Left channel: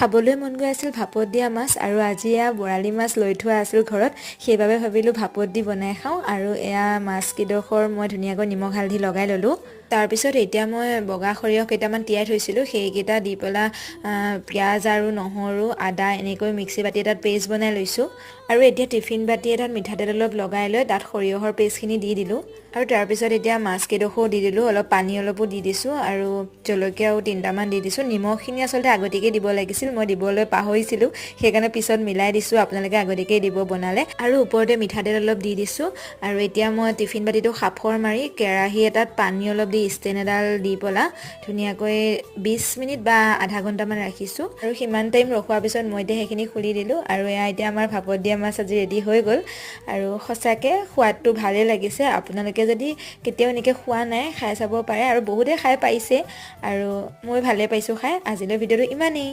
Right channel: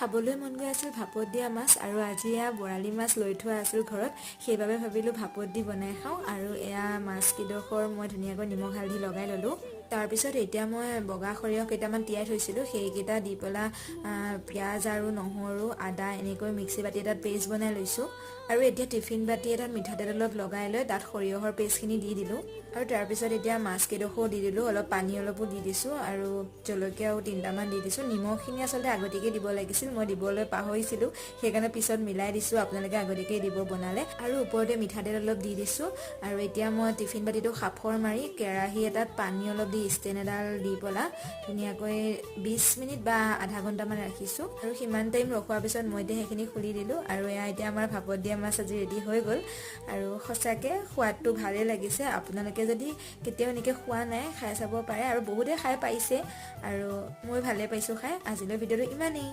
খাবলৈ মন গৈ আছিল ভাপত দিয়া মাছ আৰু আজি এয়া বৰালি মাছ লৈ থোৱা আছিল ঘৰত সেইবাবে ভাবিলোঁ ভাপত দি বনাই খাওঁ আৰু এয়া মাছ কিডোখৰ মই ধুনীয়াকৈ নিমখ হালধি লগাই ল'লোঁ তাৰপিছত এতিয়া মই বগা সৰিয়হ কেইটামান তিয়াই থৈছিলোঁ সেইকেইটা দি পেলাই পিঁয়াজ আৰু নহৰু আদা এনেকৈ মিক্সি বাতি এটাত পেষ্ট বনাই লৈছোঁ আৰু এতিয়া টিফিন বাতি এটাত মিঠাতেল অলপ লগাই লৈ তাত সৰিয়হৰ পেষ্টখিনি দি দিলোঁ আৰু তাৰপিছত এতিয়া মাছ কেইডোখৰো দি দিলোঁ অলপ পানী অলপো দি দিছোঁ আৰু জলকীয়াও 3টামান দি দিছোঁ নিমখখিনি আচলতে আগতীয়াকৈ দিব লাগিছিল মই দিবলৈ পাহৰিছিলোঁ সেইকাৰণে পিছত মিলাই দিছোঁ আপোনালোকে আগতীয়াকৈ দিব বনালে আৰু ওপৰতে মিঠাতেল অলপ দি দিছোঁ আৰু এতিয়া মই টিফিন বাতিটো সাফৰ মাৰি কেৰাহী এটাত পানী অলপ দি ষ্টেণ্ড এডাল দি পেলাই ধুনীয়াকৈ 20 মিনিট বা আধা ঘণ্টামান ৰাখিছোঁ আৰু সিমান টাইম ৰখোৱাৰ পিছত মই এতিয়া সেইখিনি খুলি দিলোঁ আৰু এয়া এতিয়া আমাৰ ভাপত দিয়া মাছ আজি ৰেডি হৈ গ'ল আৰু সঁচাকৈ সোৱাদটো ভালেই লাগিছে আপোনালোকে যদি কেতিয়াও এনেকৈ খোৱা নাই খাই চাব পাৰে আৰু বহুতে খাই পাইছে আৰু মই ভালে পাইছোঁ খাই আজিলৈ ভিডিঅ'টো ইমানেই